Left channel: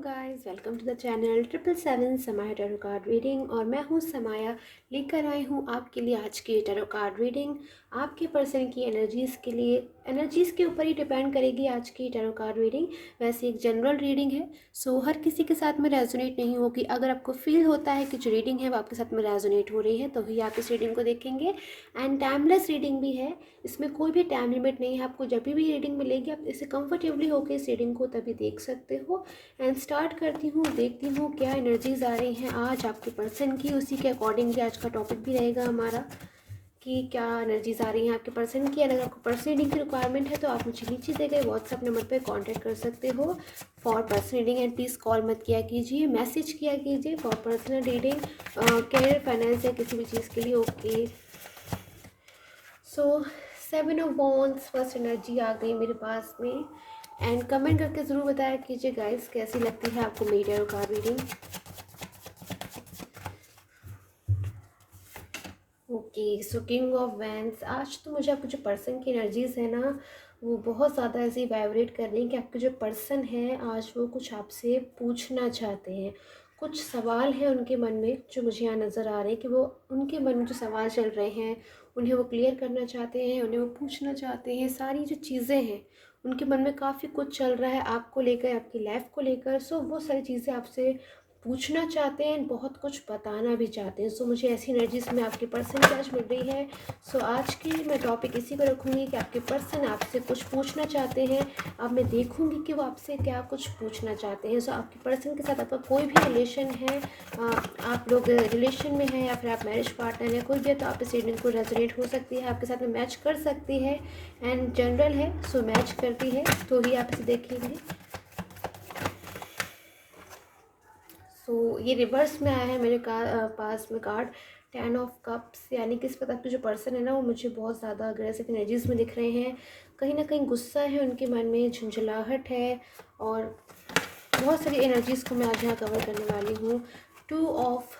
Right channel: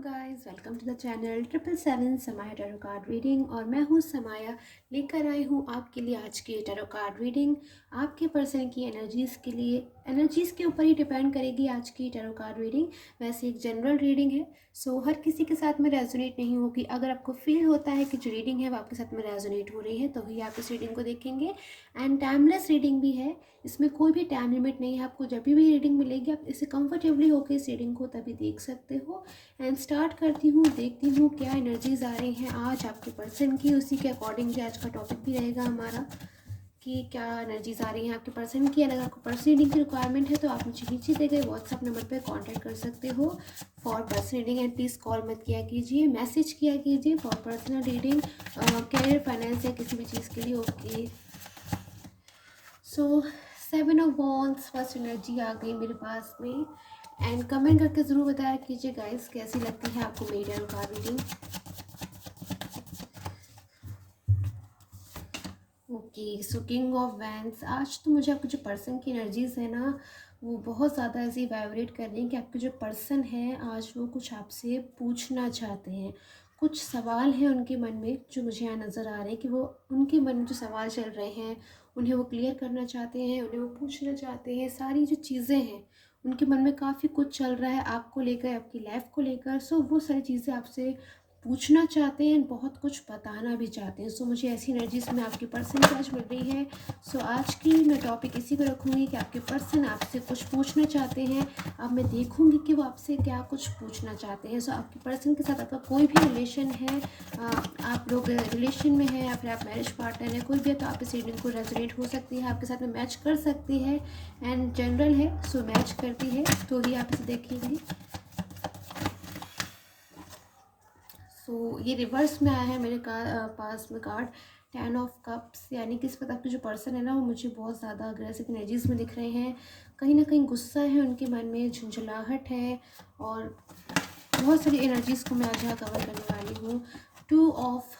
Guys, welcome to the channel 777 Samaya tarot card reading. और मैं हूँ समाया, लेकर आई हूँ आपके लिए आज की टैरो कार्ड रीडिंग। आपके पर्सन की एनर्जीज़ के लिए, एनर्जीज़ के ऊपर ही डिपेंड करेगी आज की टैरो कार्ड रीडिंग। वैसे एक जनरल रीडिंग है, सो हर किसी के साथ में रेजोनेट नहीं होगी। अगर आपको फील होता है कि जो रीडिंग है वो आपके साथ में रेजोनेट हो रही है तो ही आप इस रीडिंग को देखेंगे। एंड टाइमलेस रीडिंग भी है, इसमें कोई भी टाइम लिमिट नहीं है। आपको जब भी रीडिंग मिलेगी आप इसे कंफर्टेबली होकर इस रीडिंग को तभी देख सकते हो। एंड स्टार्ट करती हूँ, देखती हूँ क्या एनर्जीज आ रही हैं आज आपके पर्सन की। उसी के अकॉर्डिंगली आज का टॉपिक भी रहेगा हमारा कि क्या एनर्जीज आ रही हैं आपके पर्सन की। अगर आपको पर्सन रीडिंग की रिक्वायरमेंट है तो आप मुझे नीचे दिए गए व्हाट्सएप नंबर पर कांटेक्ट कर सकते हो for person reading. And please call मत किया कीजिए, मैसेज किया कीजिए for personal reading, career, finance या किसी भी चीज़ के लिए। Okay, so 7 of wands first energy आ गई मेरे पास में। एंड कमेंट करके ज़रूर बताया कीजिए गाइस कैसी लगती है आपको मेरी tarot card reading. Okay, so king of wands. आज तो मुझे आपके जो पर्सन की एनर्जीज है ना वो बहुत ज़्यादा ऐसे वाइब्रेट कर रही हैं कि आपके जो पर्सन है आज वो कुछ आपसे पूछना चाहते हैं। कुछ सवाल हैं उनके मन में जो मुझे यहाँ नज़र आ रहे हैं कि वो उनके मन में जो सवाल चल रहे हैं उन्हें वो क्लियर करना चाहते हैं, उन्हें वो पूछना चाहते हैं। सारी जो चीज़ें हैं उनके मन में काफ़ी कुछ चल रहा है आपको लेकर, आपकी लाइफ को लेकर। सो वो सारी चीज़ें आपसे पूछना चाहते हैं, बहुत कुछ बताना भी चाहते हैं। सो मुझे ऐसी एनर्जीज में आपके पर्सन की आज मिल रही है। सो आज की मैं टॉपिक इसी को रखूँगी कि आपके पर्सन आपसे कुछ पूछना चाहते हैं। अब मैं देखूँगी कि वो आपसे क्या कुछ पूछना चाहते हैं। सो आपके पर्सन के साथ आपका कोई भी रिलेशन है, आप लोग रिलेशन में हैं या फिर आप मैरिज पार्टनर हैं, कोई भी है तो आप इस रीडिंग को रेजोनेट हो सकती है, आपके साथ में मैच कर सकती है। एंड जनरल है, सो मैच करती है तो ही आप इसे देखेंगे। सो ये रिवर्स में आया है मेरे पास में कार्ड 10 ऑफ कप्स, यानी कि इस वक्त आपके जो पर्सन है ना वो मुझे बहुत ज़्यादा अग्रेसिव एनर्जीज में दिख रहे हैं। कहीं ना कहीं गुस्सा है उनके मन में, झुंझलाहट है, और बहुत सारी एनर्जीज़ को मैं आज यहाँ कवर करने वाली हूँ। Two of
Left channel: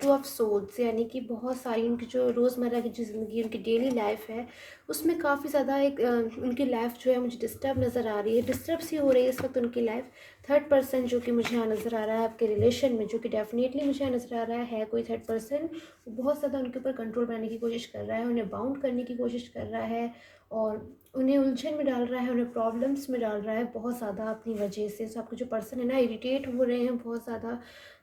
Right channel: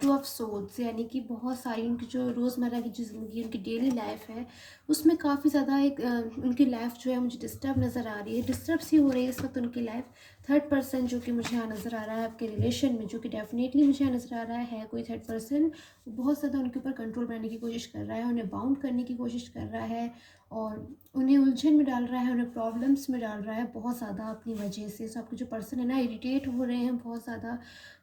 two of souls, यानी कि बहुत सारी उनकी जो रोज़मर्रा की जो ज़िंदगी, उनकी डेली लाइफ है उसमें काफ़ी ज़्यादा एक उनकी लाइफ जो है मुझे डिस्टर्ब नज़र आ रही है, डिस्टर्ब सी हो रही है इस वक्त उनकी लाइफ। थर्ड पर्सन जो कि मुझे यहाँ नज़र आ रहा है आपके रिलेशन में, जो कि डेफिनेटली मुझे यहाँ नज़र आ रहा है कोई थर्ड पर्सन बहुत ज़्यादा उनके ऊपर कंट्रोल बनाने की कोशिश कर रहा है, उन्हें बाउंड करने की कोशिश कर रहा है और उन्हें उलझन में डाल रहा है, उन्हें प्रॉब्लम्स में डाल रहा है बहुत ज़्यादा अपनी वजह से। सो आपके जो पर्सन है ना इरिटेट हो रहे हैं बहुत ज़्यादा,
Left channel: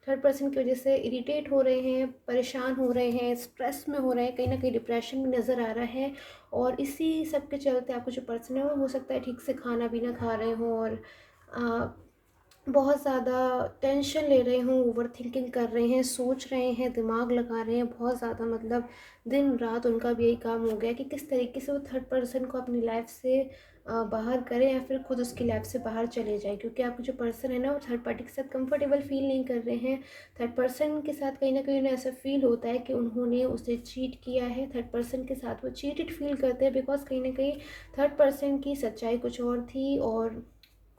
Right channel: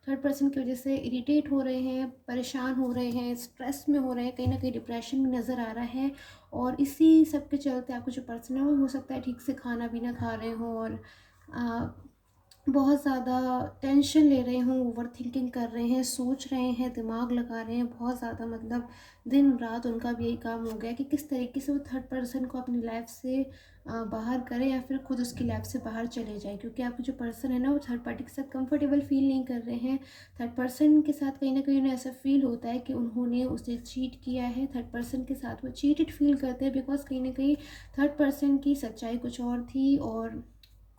थर्ड पर्सन की वजह से इरिटेट हो रहे हैं, परेशान हो रहे हैं, स्ट्रेस में हो रहे हैं, कहीं ना कहीं डिप्रेशन में नज़र आ रहा है। और इसी सब के चलते आपको जो पर्सन है वो हो सकता है ठीक से खाना भी ना खा रहे हों और बहुत ज़्यादा टेंशन ले रहे हों, ओवर थिंकिंग कर रहे हैं, सोच रहे हैं, दिमाग लगा रहे हैं बहुत ज़्यादा। मतलब दिन रात उनका भी यही काम हो गया कि किस तरीके से वो थर्ड पर्सन को अपनी लाइफ से बाहर करें या फिर खुद उसकी लाइफ से बाहर चले जाए, क्योंकि आपके जो पर्सन है ना वो थर्ड पार्टी के साथ कंफर्टेबल फील नहीं कर रहे हैं। थर्ड पर्सन के साथ कहीं ना कहीं उन्हें ऐसा फील होता है कि उन्होंने उसे चीट किया है। थर्ड पर्सन के साथ वो चीटेड फील करते हैं बिकॉज कहीं ना कहीं थर्ड पर्सन की सच्चाई कुछ और थी और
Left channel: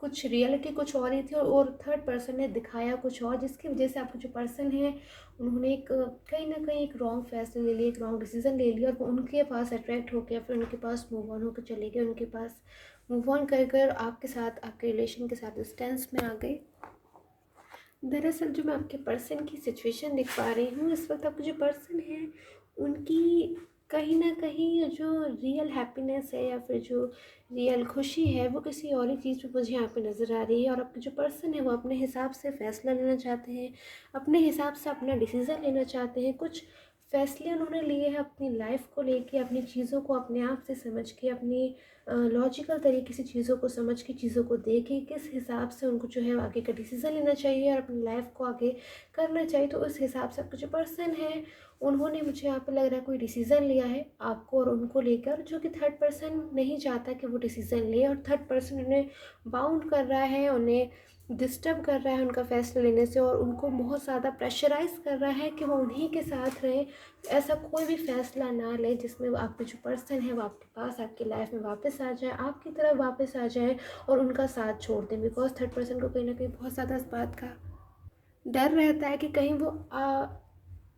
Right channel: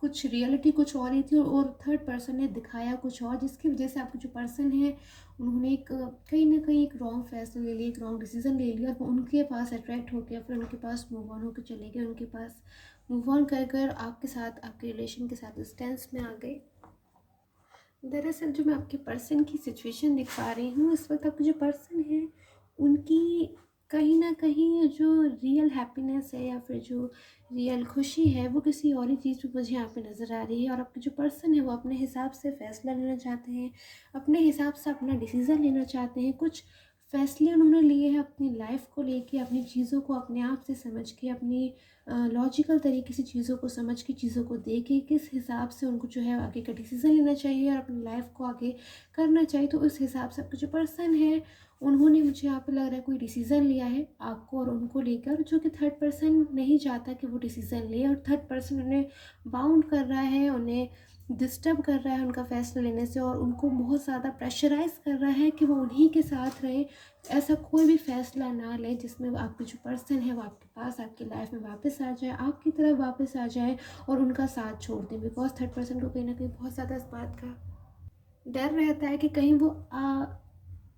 कुछ रियलिटी कुछ और ही थी, और थर्ड पर्सन ने दिखाया कुछ और, जिसकी वजह से आपके जो पर्सन है उन्होंने एक कहीं ना कहीं एक रॉन्ग फैसला ले लिया, एक रॉन्ग डिसीजन ले लिया और वो उनके पास अट्रैक्ट हो गया, फिर उनके पास मूव ऑन होकर चले गए, उनके पास मूव ऑन कर कर आपके साथ, आपके रिलेशन के साथ डिस्टेंस में आ गए। दरअसल जो मैं आपके पर्सन की सिचुएशन देख पा रही हूँ इस वक्त, आपके जो पर्सन है उनकी कहीं ना कहीं जो रियल हैप्पीनेस है या फिर जो रियल खुशी है वो किसी और ही चीज़ में मुझे यहाँ पे नज़र आ रही है। और आपके जो पर्सन है वो अपने हिसाब से फ़ैसला लेना चाहते हैं, अपने हिसाब से अपना डिसीज़न लेना चाहते हैं। कुछ फ़ैसले उन्होंने लिए हैं अपनी लाइफ को लेके, अपनी चीज़ों को अपने आप से समझ के, अपनी लॉजिकल तरीके से चीज़ों को समझ के, चीज़ों को देख के किस हिसाब से उनको जो है आगे का डिसीज़न लेना चाहिए और अपनी लाइफ को आगे करना चाहिए। तो उस हिसाब से आपका जो पर्सन है उन्होंने, मुझे यहाँ पे लग रहा है, कोई डिसीज़न लिया है आपको और उनको लेकर, जो कि थर्ड पर्सन नहीं चाहता कि वो डिसीज़न ले, और थर्ड पर्सन उन्हें बाउंड कर रहा है, उन्हें डिस्टर्ब कर रहा है उनका फ़ैसला लेने से, और उनको बहुत ज़्यादा प्रेशराइज़ कर रहा है कि वो उन्हीं के साथ रहें। ऐसा कोई भी फ़ैसला ना ले जिसमें आपके जो पर्सन है वो आपके पास, आपकी लाइफ में वापस आ जाए, आपकी तरफ वापस आ जाए और उनका साथ छोड़ दें। बिकॉज थर्ड पर्सन को कहीं ना कहीं बहुत ज़्यादा इस बात का डर रहता है कि कहीं वो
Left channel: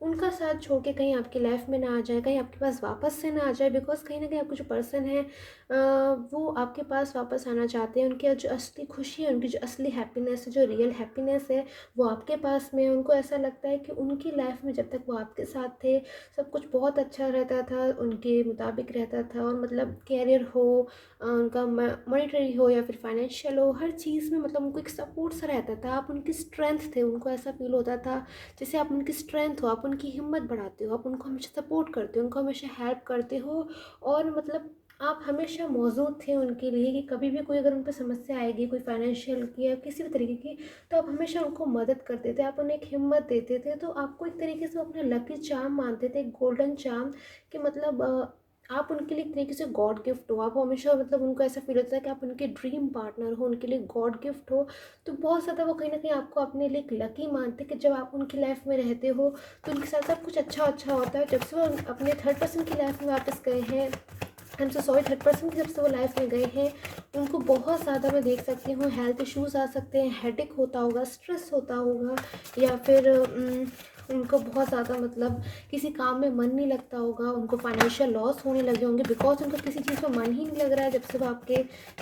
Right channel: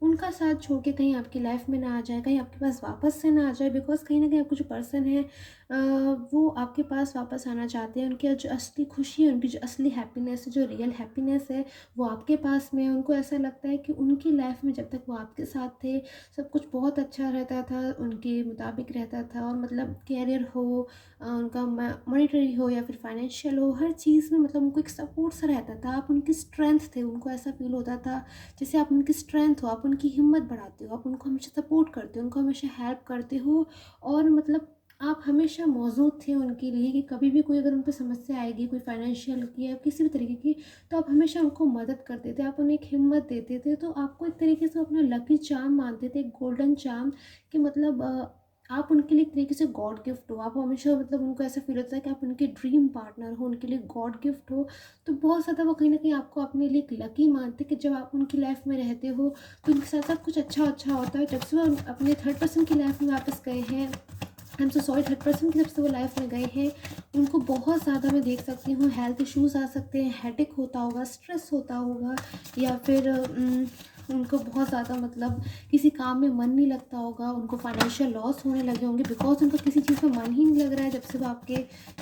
उनका साथ छोड़ के कहीं आपकी लाइफ में ना आ जाए, कहीं आपके पास वापस से ना आ जाए। बिकॉज कहीं ना कहीं आपका जो पर्सन है वो आपके पास वापस आना चाहते हैं। उनकी जो असली खुशी है, उनकी जो असली हैप्पीनेस है, जो रियल हैप्पीनेस है, वो आपके पास में है। उनको ऐसा लगता है कि उनकी लाइफ में जब तक वो आपके साथ थे, सब कुछ बहुत अच्छा रहता था, उनके मुताबिक रहता था। और मतलब कैरियर हो, उनका मॉनेटरी हो या फिर फाइनेंशियल हो, हर चीज़ में मतलब उनको एक सपोर्ट सा रहता था। आप उनकी स्ट्रेंथ थे, उनको ऐसा फील होता था जैसे आप उनकी स्ट्रेंथ हो, आप उनकी हिम्मत बढ़ाते हो, आप उनको हमेशा सपोर्ट करते हो, उनको हमेशा हेल्प करते हो। और मतलब आप हमेशा मौजूद थे उनके लिए कि कभी भी कोई अगर उन पे समस्या आएगी, कोई फाइनेंशियल की या किसी भी तरीके की, तो आप हमेशा उनको मदद करते थे, आप उन्हें एक हिम्मत देते थे। तो आपको एक तरीके से अपना लकी चार्म मानते थे, एक गोल्डन चार्म, कि मतलब आप उनके लिए एक तरीके से गॉड गिफ्ट हो। आप हमेशा मतलब उनको ऐसा फील होता है कि आप उनके ड्रीम पार्टनर हो, उनके लिए गॉड गिफ्ट हो। तो बहुत ज़्यादा वो कहीं ना कहीं आपको अपने लिए एक लकी मानते कि जब आप उनकी लाइफ में रहते हो तो उनके साथ सब कुछ अच्छा अच्छा होता है। जब से वो अपने थर्ड पर्सन की लाइफ में वापस गए हैं, I am so sorry, third person की जब से वो लाइफ में गए हैं, उनको बहुत ज़्यादा मैं देख सकती हूँ हेल्थ इश्यूज़ आ सकते हैं, हेडेक होता होगा, स्ट्रेस होता होगा, या फिर उनको बहुत ज़्यादा मतलब किसी काम में मन नहीं लगता होगा, उनको फाइनेंशियल लॉस होने लगे होंगे बिकॉज उनका किसी चीज़ में मन ही नहीं लग रहा है जब से वो आपके,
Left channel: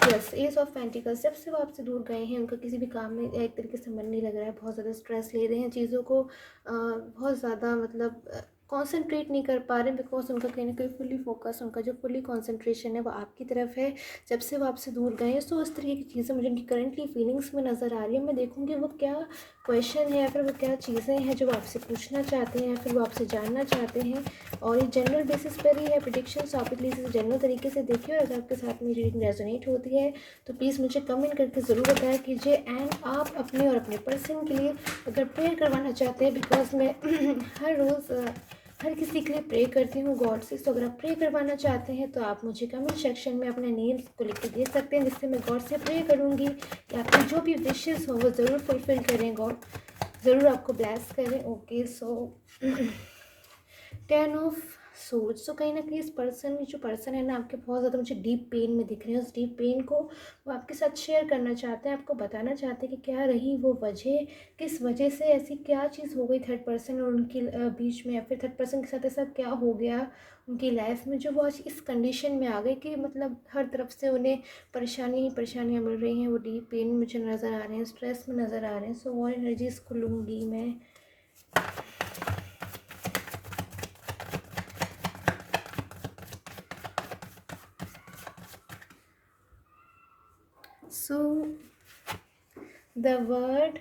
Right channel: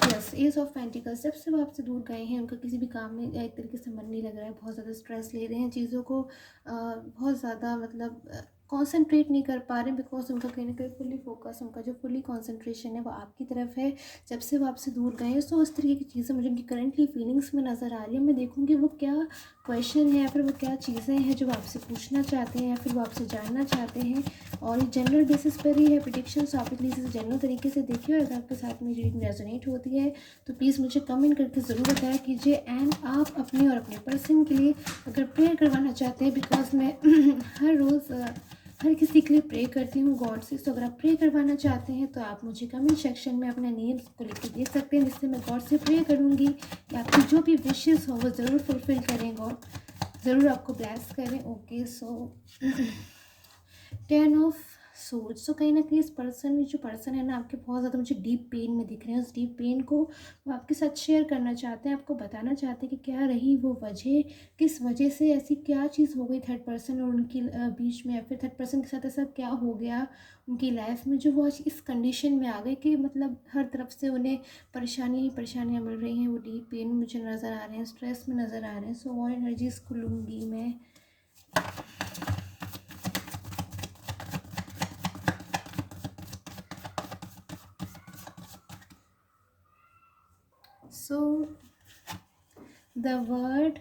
यस, एज ऑफ पेंटिकल्स, जब से वो आपसे दूर गए हैं उनका किसी भी काम में एक तरीके से मन नहीं लग रहा है, बहुत ज़्यादा स्ट्रेस ले रहे हैं चीज़ों को, बहुत ज़्यादा मतलब कॉन्सेंट्रेट नहीं कर पा रहे हैं बिकॉज उनका कहीं ना कहीं फुली फोकस, उनका जो फुली कॉन्सेंट्रेशन है वो आपकी तरफ है जब से वो आपसे दूर गए हैं। सो इस तरीके की चीज़ें मुझे उनकी करंटली फीलिंग्स में नज़र आ रही है। मैं देखूँगी वो क्या क्वेश्चन है या फिर वो क्या चीज़ें हैं जो वो आपसे पूछना चाहते हैं या फिर वो आपसे जानना चाहते हैं। और ये जनरल बेसिस पर ही है प्रिडिक्शन, तो आप प्लीज़ इसे जनरल तरीके से देखिए। और अगर आपके साथ मेरी रीडिंग रेजोनेट होती है तो प्लीज़ मुझे कमेंट करके ज़रूर बताया कीजिए। एंड आप अपने और अपने पर्सन के लिए अगर प्रेयर करवाना चाहते हैं, बिकॉज मैं हर रोज़ हर किसी के लिए प्रे करती हूँ गॉड से, तो अगर आप प्रे करवाना चाहते हैं तो आप मुझे कमेंट सेक्शन में अपने नेम्स को लिख के दे सकते हैं, जिससे मैं गॉड से प्रे करूँगी कि आपकी जो भी विशेज़ हो वो ज़रूर फुलफ़िल करें, गॉड ज़रूर आपको ब्लेस करें। Okay, so 10 of swords. तो कहीं ना कहीं इस पर्सन, जो पर्सन है ना आपके, बहुत ज़्यादा मुझे डीप पेन में दिख रहे हैं। उस डीप पेन को वो आपके साथ शेयर करना चाहते हैं, आपको बताना चाहते हैं कि क्या रही वो वजह, किस वजह से ऐसी क्या चीज़ हो गई थर्ड पर्सन और उनकी बीच में, या फिर थर्ड पर्सन के साथ ऐसा क्या हो गया उनकी लाइफ में जो वो आज इस कंडीशन में आ गए कि मतलब हर तरफ से उन्हें परेशानी ही परेशानियाँ मिल रही हैं। वो डीप पेन मुझे नज़र आ रहे हैं, स्ट्रेस में नज़र आ रहे हैं। सो और एनर्जीज़ को लूँगी मैं। So the word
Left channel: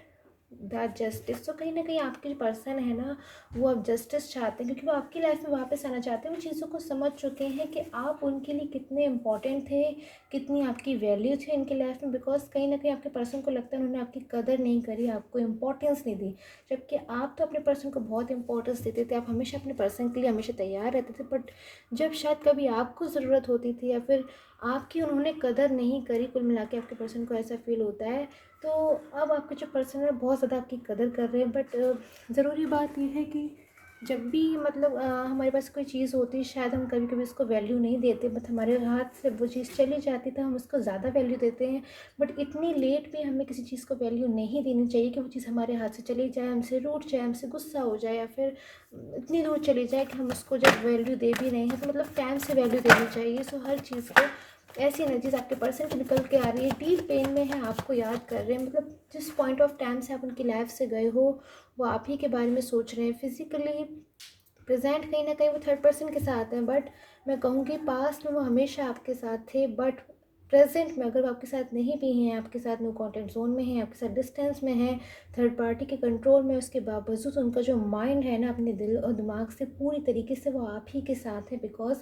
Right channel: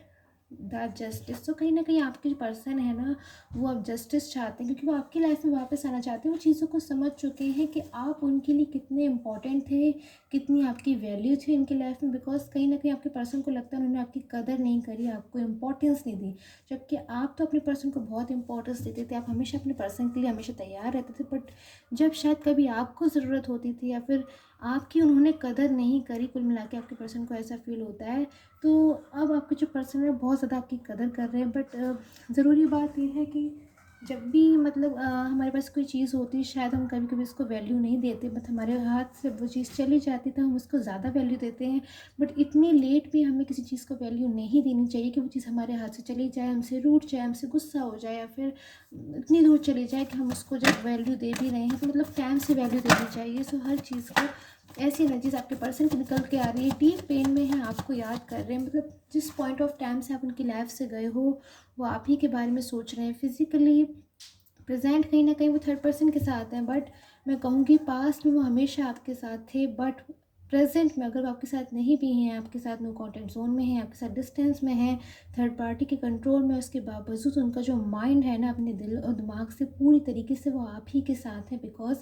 the justice. तो कहीं ना कहीं आपके जो पर्सन है ना वो अब जस्टिस चाहते हैं, क्योंकि वो आपकी लाइफ में वापस आना चाहते हैं। वो चीज़ों को समझ चुके हैं कि आप उनके लिए कितने इंपॉर्टेंट थे, कितनी आपकी वैल्यू थी उनकी लाइफ में। बिकॉज कहीं ना कहीं आपके पर्सन को लगता है उन्होंने आपकी कदर नहीं करी, आपको इंपॉर्टेंस नहीं दी, जबकि आप तो अपने पर्सन को बहुत इंपॉर्टेंस देते थे। आप हमेशा अपने पर्सन के लिए हमेशा तैयार रहते थे, बट जब शायद कभी आपको ज़रूरत होती थी या फिर आपकी उन्होंने कदर नहीं करी, कुल मिला के आपके पर्सन को ऐसा फील होता है। तो अब आपके जो पर्सन है बहुत ज़्यादा आपकी कदर कर रहे हैं। बट ज़रूरी बात यह है कि जब भी मतलब हमारे पास कोई चीज़ होती है, शायद हम कभी कभी उसको वैल्यू नहीं देते, बट हमारे हाथ से वो चीज़ चली जाती तो हम उसको ज़्यादा वैल्यू देते हैं। बट इतनी लेट भी हमें किसी चीज़ को वैल्यू नहीं देनी चाहिए कि वो चीज़ हमारे हाथ से चली जाए, हमसे रूठ जाए, हमसे गुस्सा हो जाए, या फिर इतनी दूर चली जाए कि हम उसको जब वैल्यू दे भी रहे हैं तो मतलब टाइम से वैल्यू देनी चाहिए। सो हर चीज़ को ऐसी एनर्जीज आपके पर्सन की निकल के आ रही है, डीप पेन में है, आपको याद कर रहे हैं। मतलब जिस पॉइंट ऑफ टाइम से आप उनकी लाइफ से गए हो वो आप ही के बारे में सोच रहे हैं। फिजिकली प्रेजेंट कहीं ना कहीं वो थर्ड पर्सन के साथ हैं, बट मैं कहूँगी पास्ट में वो हमेशा आपके साथ थे। बट प्रेजेंट में अगर वो आपके साथ नहीं भी हैं, आपके साथ नो कॉन्टेक्ट जोन में हैं, आपके साथ डिस्टेंस में हैं, थर्ड पार्टी के कंट्रोल में, उसके बावजूद उनका जो माइंड है ना अपने दिल और दिमाग से पूरी तरीके से वो आप ही के साथ है। बिकॉज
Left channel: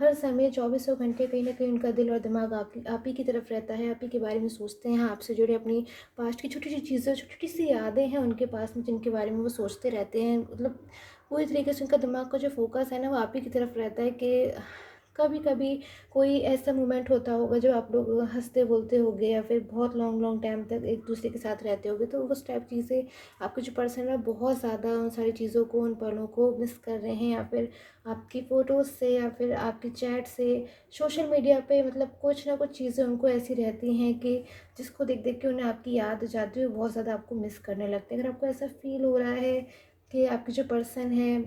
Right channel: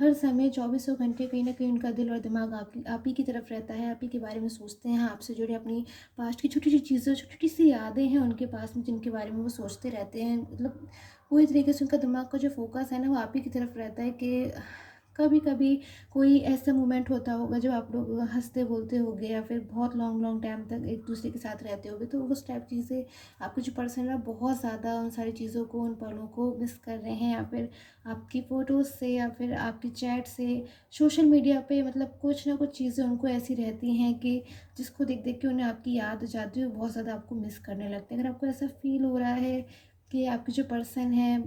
हर समय चौबीसों घंटे कहीं ना कहीं उनका दिल और दिमाग आप ही की तरफ रहता है, आप ही के बारे में सोचते हैं, आपसे जुड़े अपनी पास्ट की छोटी छोटी चीज़ें, छोटी छोटी सी यादें हैं उनके पास में जिनके बारे में वो सोचते रहते हैं। मतलब पूरी तरीके से उनका दिमाग का जो फोकस है ना वो आप ही की तरफ रहता है कि कभी कभी कोई ऐसा मोमेंट होता होगा जब आप लोग हंसते बोलते होगे या फिर बहुत लॉन्ग लॉन्ग टाइम तक एक दूसरे के साथ रहते होगे, तो उस टाइप चीज़ें आपके जो पर्सन है बहुत ज़्यादा उन सारी चीज़ों को, उन पलों को मिस कर रहे हैं। या फिर आपकी फ़ोटोज़ से या फिर आपकी चैट से, सोशल मीडिया पे मतलब कुछ ना कुछ चीज़ें उनको ऐसी रहती हैं कि जिसको देख देख के उन्हें आपकी याद आ जाती है, वो बहुत ज़्यादा आपको मिस करने लगते हैं। अगर आपको ऐसा फील हो रहा है कि आपके जो पर्सन है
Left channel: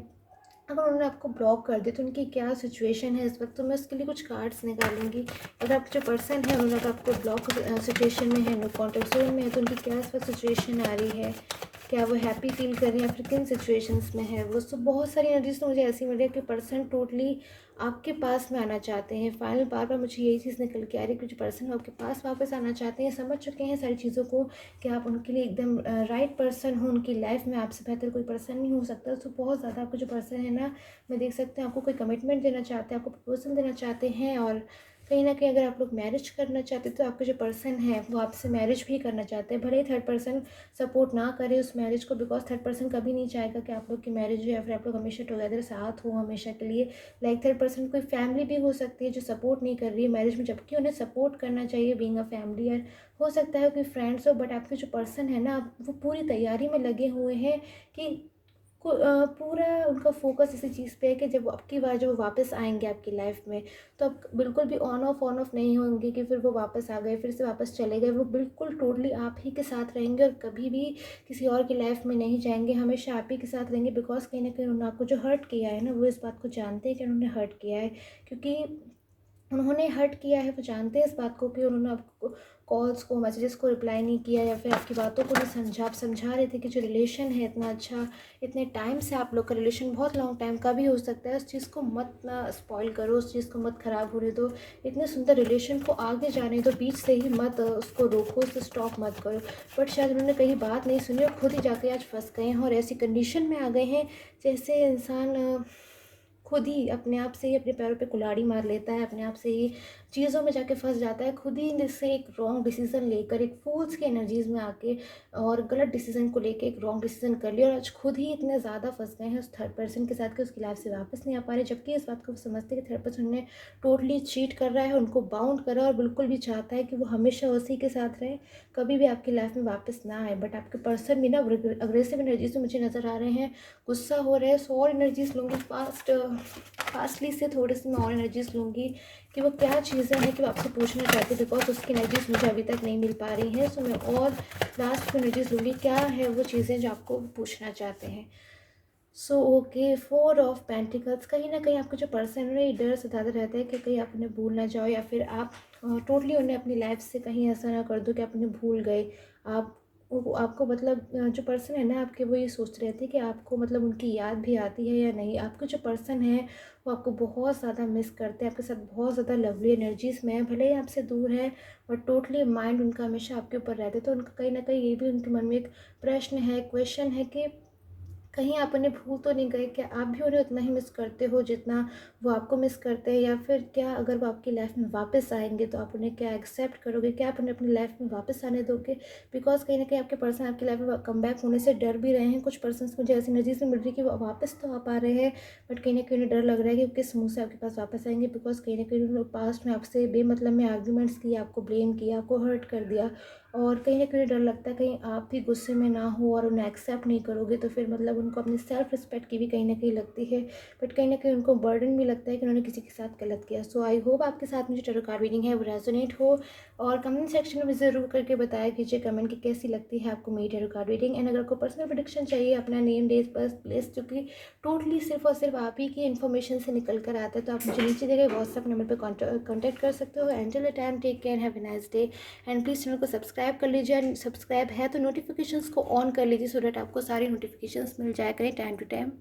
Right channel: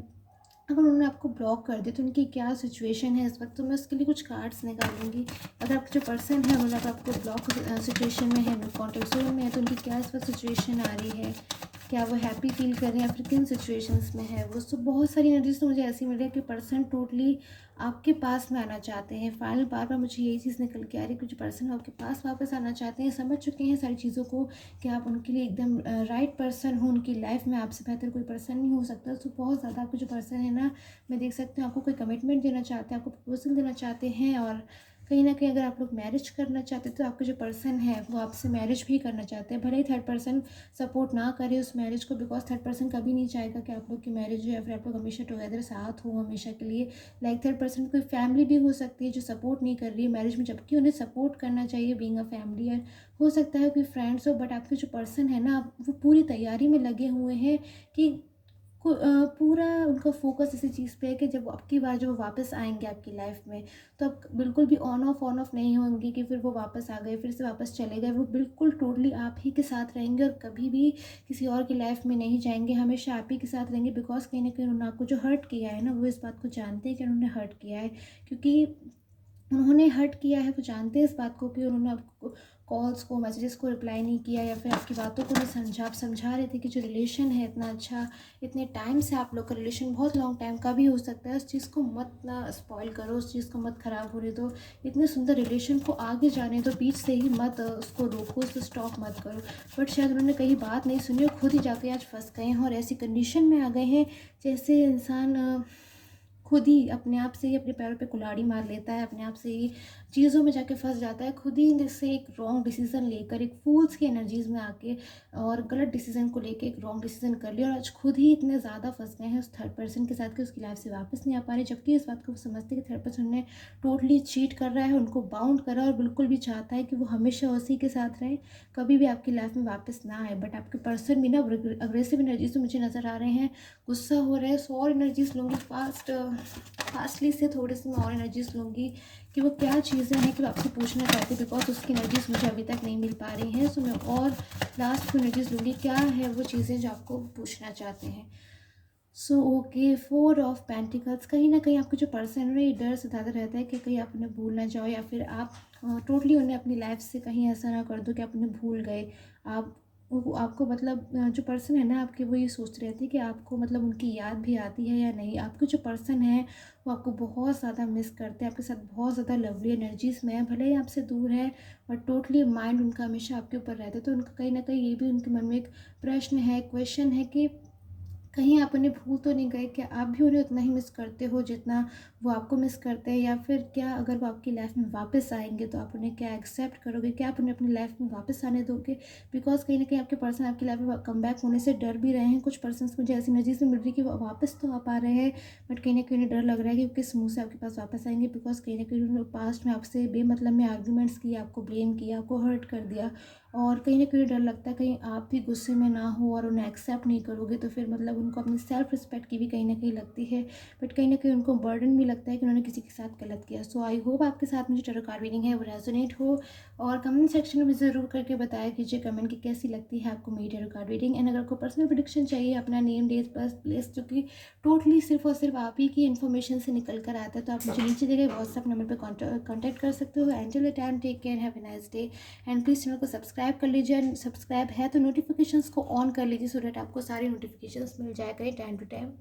अगर उन्होंने आपको ब्लॉक कर दिया तो उनकी क्या सिचुएशन है इस वक्त, तो मैं उसके लिए कुछ कार्ड्स निकालूंगी। अगर आप जो पर्सन है उन्होंने अगर आपको ब्लॉक सिचुएशन में है, नो कॉन्टेक्ट जोन में है, तो उनकी क्या इस वक्त सिचुएशन आ रही है, क्या वो हैप्पी फील कर रहे हैं या फिर किन सिचुएशंस में है वो। सो बहुत सारी एनर्जीज तो मुझे ऐसी मिल रही है कि पर्सन टोटली आपके पास में आना चाहते हैं। फाइनल बार बार मुझे यही चीज़ निकल के आ रही है कि जो पर्सन आपके पास वापस आना चाहते हैं, समझ चुके हैं सारी चीज़ों को कि आप उनके लिए एकदम राइट पर्सन हो उनकी लाइफ में, आपसे बेहतर कोई पर्सन नहीं हो सकता। तो बहुत ज़्यादा आपको जो पर्सन है ना, मैं देख सकती हूँ आपको कोई कमिटमेंट देना चाहते हैं, आपको प्रपोजल देना चाहते हैं। और कहीं ना कहीं अगर आप लोग मैरिज करना चाहते हैं तो आपके जो पर्सन है वो आपसे मैरिज भी करना चाहते हैं। भले ही थर्ड पर्सन सपोर्ट ना करे उस मैरिज को, बिकॉज थर्ड पर्सन कभी नहीं चाहेगा कि आप लोग की मैरिज हो या फिर आप लोग हमेशा टुगेदर साथ हो हमेशा के लिए। लाइक थर्ड पर्सन कोई फैमिली भी हो सकती है जो सपोर्ट नहीं कर रही है मैरिज में, जबकि उन्हें सपोर्ट करना चाहिए बीइंग अ फैमिली। और हो सकता है कोई फ्रेंड्स हो, बट आपके जो पर्सन है ना वो पूरी तैयारी में लगे हुए हैं कि पूरा उनका फोकस इसी चीज़ पे है कि जब अब की बार जब वो वापस आएंगे आपकी लाइफ में, तो आप बिल्कुल भी ऑन ऑफ नहीं होंगे कि फिर वो वापस आ गए फिर से वापस चले गए। वो बिल्कुल टोटली आप ही के साथ रहेंगे और कभी भी किसी और की लाइफ में नहीं जाएंगे, हमेशा आप ही के साथ रहेंगे। बिकॉज कहीं ना कहीं उन्होंने आपको जो हर्ट किया है ना, वो इस बात को जानते हैं कि उन्होंने हर्ट किया है। क्योंकि उन्होंने हर्ट किया है, वो जानते हैं इस बात को कि उन्होंने आपको कॉल्स को मैसेजेस को रिप्लाई नहीं किया या फिर आपकी बातों को नहीं समझा। आप समझा रहे थे कि जो रिलेशन है इतना अच्छा, इतने टाइम से आप लोग का रिलेशन बहुत लॉन्ग टाइम का भी हो सकता है, उस चीज़ को मत ना स्पॉइल करो, उस चीज़ को मत ख़राब होने दो। इतने सुंदर रिलेशन को आगे जाने दो, बीच से ही मत उसको रोको, उसको स्टॉप मत करो। बट शायद उन्होंने कहीं बात नहीं सुनी और खुद ही जाके आज फंस गए हैं और ऐसी कंडीशन में आ गए हैं जैसे इंसान खुद ही अपने आप से ही अपने पैरों पे कुल्हाड़ी मार लेता है, अपने आप से ही चीज़ों में जाके फंस जाता है, खुद ही जैसे एक रॉन्ग डिसीज़न लेकर एक फूल्स की एनर्जीज में आके और गलत डिसीज़न को लेके एक रॉन्ग डिसीज़न कर लिया और आज खुद ही इतने ज़्यादा फंस गए हैं उस थर्ड पर्सन के साथ कि उसकी लाइफ से वापस नहीं आ पा रहे। जबकि इस बात को वो समझते हैं कि थर्ड पर्सन ने टोटली चीट कर रहा है, उनको बाउंड करा और बिल्कुल भी चाहता है कि वो हमेशा उसी के साथ रहे, कभी भी आपकी लाइफ में वापस ना आए। बट आपके पर्सन भी ना अग्रेसिव एनर्जीज मुझे नज़र आ रहे हैं, गुस्सा हो रहे हैं। सो और एनर्जीज लूँगी फास्टली से थोड़ी सी मैं और एनर्जीज लूँगी कि वो क्या चीज़ें हैं कि वो आपसे पूछना चाहते हैं, बिकॉज उसकी एनर्जीज मुझे अभी तक नहीं मिल पा रही हैं। सो मैं और लास्ट की एनर्जीज लूँगी, क्या है वो चीज़ें जो आपको पूछना चाहते हैं। So okay, four of pentacles, कहीं ना कहीं आपका जो पर्सन है ये डर सताता रहता है कि कहीं आप उन्हें भूल ना जाओ या फिर आप टोटली उन्हें अपनी लाइफ से कहीं ऐसा ना कर दो कि आप उन्हें भूल गए। आप आपको मतलब जो पर्सन है ना आपके, वो ये सोचते रहते हैं कि आपको मतलब उनकी याद भी आती है या नहीं। आपके जो पर्सन है वो आपको बहुत ज़्यादा मिस करते हैं, आपके साथ बहुत ज़्यादा लवली एनर्जीज में है, भले ही आपसे दूर है बट टोटली माइंड उनका हमेशा आपके ऊपर रहता है। तो उनका कहीं ना कहीं ये भी उनके मन में एक प्रश्न है, क्वेश्चन है कि कहीं आप उन्हें भूल तो नहीं गए, क्या आप भी उन्हें उतना ही मिस करते हो जितना वो आपको मिस करते हैं। या फिर क्या अगर वो आपकी लाइफ में वापस आएंगे तो आप उन्हें क्या एक्सेप्ट करोगे, क्या आप उन्हें अपनी लाइफ में वापस आने दोगे। बिकॉज कहीं ना कहीं आपके पर्सन आपकी लाइफ में कम बैक होने से डर भी रहे हैं। कुछ पर्सन मुझे ऐसी एनर्जी से मिल रही है कि वो वापस तो आ पा रहे हैं बट कहीं ना कहीं उन्हें डर लग रहा है कि वो किस मुँह से आपके पास वापस आएंगे। बिकॉज कहीं ना कहीं उन्होंने पास्ट में आपसे बेमतलब में आर्ग्यूमेंट्स किया, आपको ब्लेम किया, आपको हर्ट कर दिया और कहीं ना कहीं डर लगता है कहीं आप भी गुस्से में ना हो और उन्हें एक्सेप्ट नहीं करोगे तो फिर मतलब उनको अपनी सेल्फ रिस्पेक्ट की भी कहीं ना कहीं लगती है। बट कहीं ना कहीं उनको बर्डन भी लगता है कि उन्होंने किसी के साथ गलत किया। सो आई होप आपके साथ में जो टैरो कार्ड रीडिंग है वो रेजोनेट हो और कमेंट सेक्शन में मुझे ज़रूर करके बताया कीजिए कमेंट की कैसी लगती है आपको मेरी टैरो कार्ड रीडिंग। एंड अगर आपको पर्सनल प्रेडिक्शन चाहिए, अपना नेम डेट बर्थ प्लेस जो कि टोटली सिर्फ और सिर्फ आप ही की इन्फॉर्मेशन से निकल कर आता है, तो आप मुझे नीचे दिए गए व्हाट्सअप नंबर पर कॉन्टैक्ट कर सकते हो। Angel time, take care, have a nice day. And please channel को सब्सक्राइब कर लीजिए एंड सब्सक्राइब है तो नोटिफिकेशंस को ऑन कर लीजिए सो डैट आपको सारी नोटिफिकेशंस मिल जाया करें टाइम टू टाइम।